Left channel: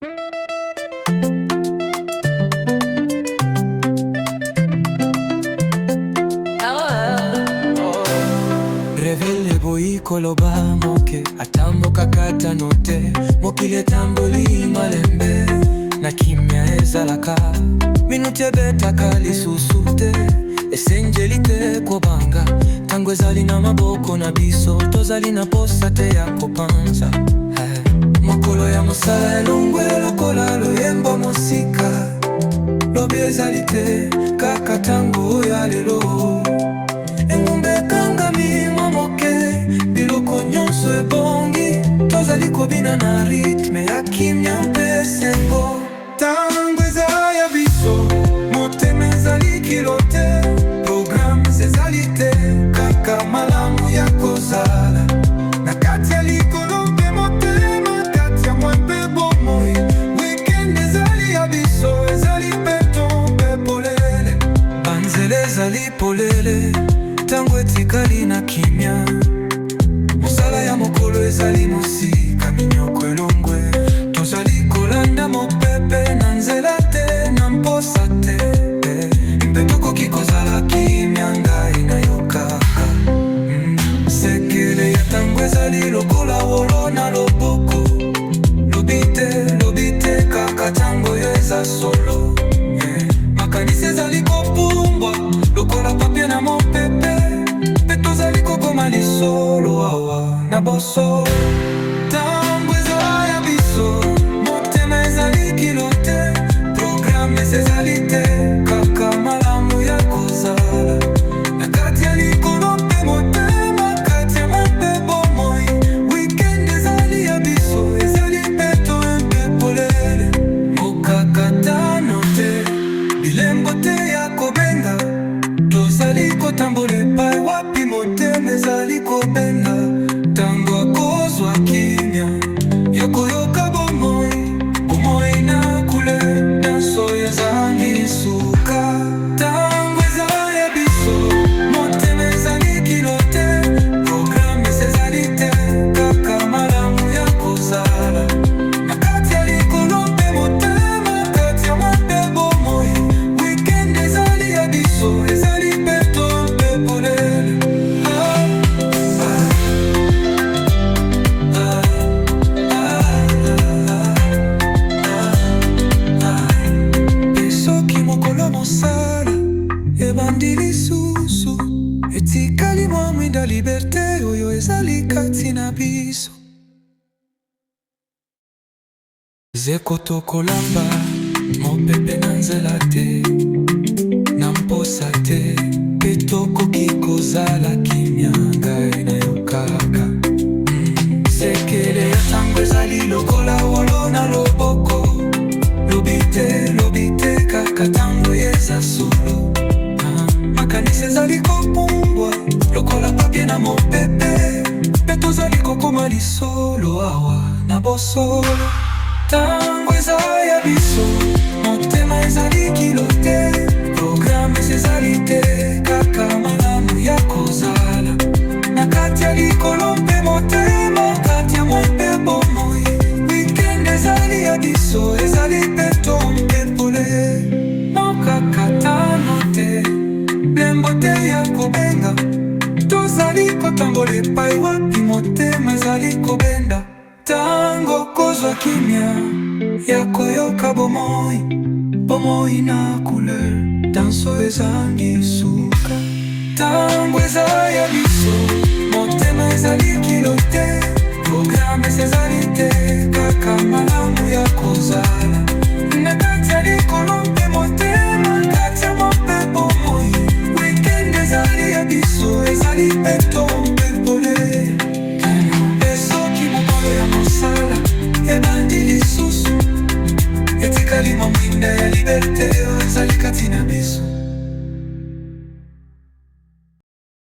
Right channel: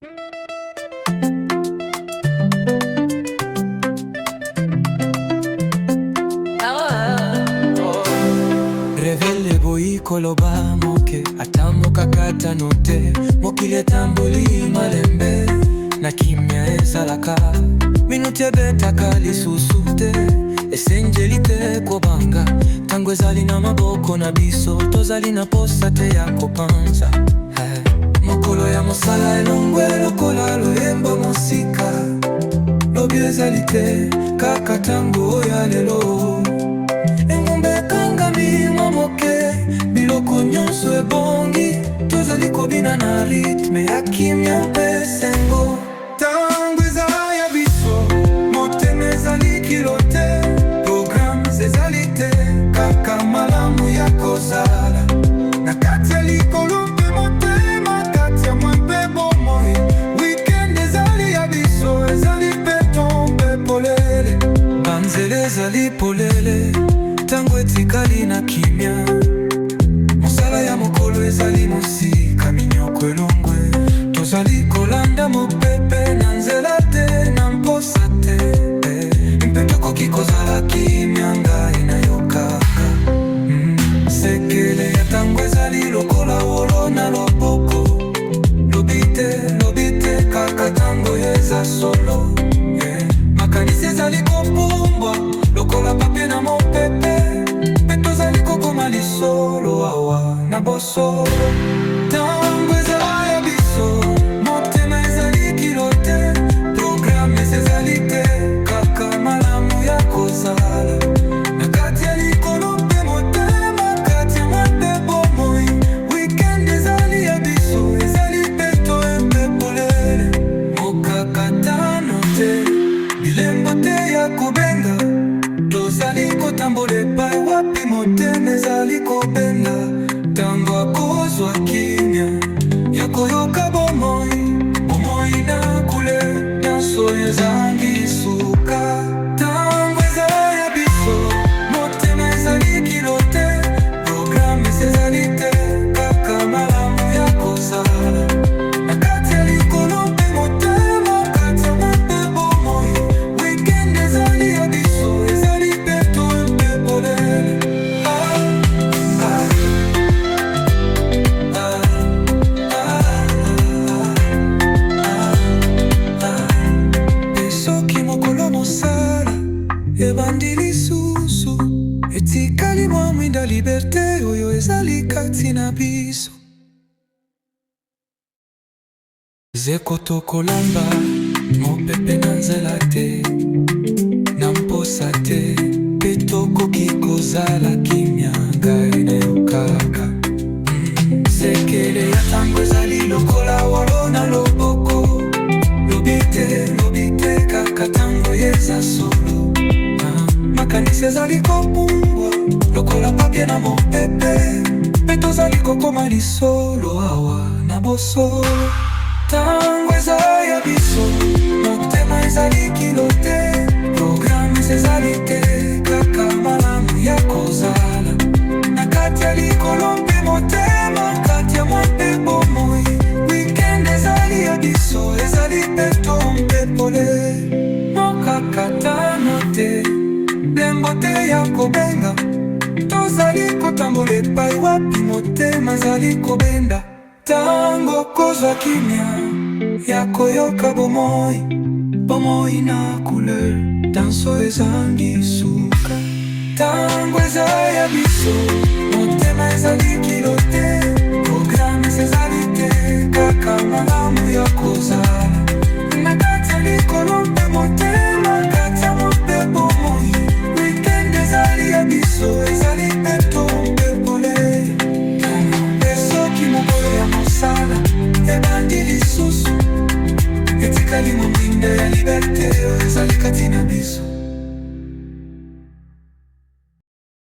Revele boyi koloba moke atambo kakata note mokile tamboli malembe na kimya ezalaka minute betaka lisusu te esenjeli te kobanga tango ezali na maboko na biso tozali na posa te ya kopanza mokolo ya mosala elongwe lokola loyembo mosika lobi ezali te kaka tango ya lelo engumbe ekangami mamoke biloko nyonso ebongi tozali kobina na ritme ya kimya mpe sengo tango eza ya biso motema ezali kilo te programe ezali te kaka malamu ya kozala na kati ya likolo mpe motema kati ya mwa mpe bomoi weekend ezali ya biso ezali beton mpe polele banzele ezali polele tango etikali na kimya mosala ya mokolo ezali mosika minyoko elongwe tozali kolanda mopepe na nzela te na mposa te mpe tokoki kozala kimya ngai na yo kaka sekele ya tango ezali lokola wolo na loboko lobi te kaka tango yo eza solo makanisi ezali kopumbwa lokola papie na mopepe mpe tozali kokoma lisolo awa na boso tango eza ya biso motema ezali kilo te programe ezali te kaka malamu ya kozala na kati ya likolo mpe motema kati ya mwa mpe bomoi weekend ezali ya biso ezali beto mpe polele mokakatano te bilembo te ya kobenga tozali kotambola epai wapi motema ezali kobenga tango akozwa kimya ya koyoka bomoi na kule danso ezangi suka tango eza ya biso motema ezali kilo te programe ezali te kaka malamu ya kozala na kati ya likolo mpe motema kati ya mwa mpe bomoi weekend ezali ya biso ezali beto mpe polele soki mokolo mosala ebandi lisusu etikali mwa mwinda liberte oyo ezali kati na biso zeko tokolamba mopepe na nzela te na mposa te mpe tokoki kozala kimya ngai na yo kaka sekele ya tango ezali lokola wolo na loboko lobi te kaka tango eza solo makanisi ezali kopumbwa lokola papie na mopepe mpe tozali kokoma lisolo awa na boso tango eza ya biso motema ezali kilo te programe ezali te kaka malamu ya kozala na kati ya likolo mpe motema kati ya mwa mpe bomoi weekend ezali ya biso ezali beto mpe pole mokakatano te blembo te ya kobenga tozali kotambola epai wapi motema ezali kobenda tango kozwa kimya ya koyoka bomoi na couleur danso ezangi suka tango eza ya biso motema ezali kilo te programe ezali te kaka malamu ya kozala na kati ya likolo mpe motema kati ya mope bomoi weekend ezali ya biso ezali beto mpe polele soki mokolo ya mosala ebandi lisusu etikali mwa mwinda ya liberte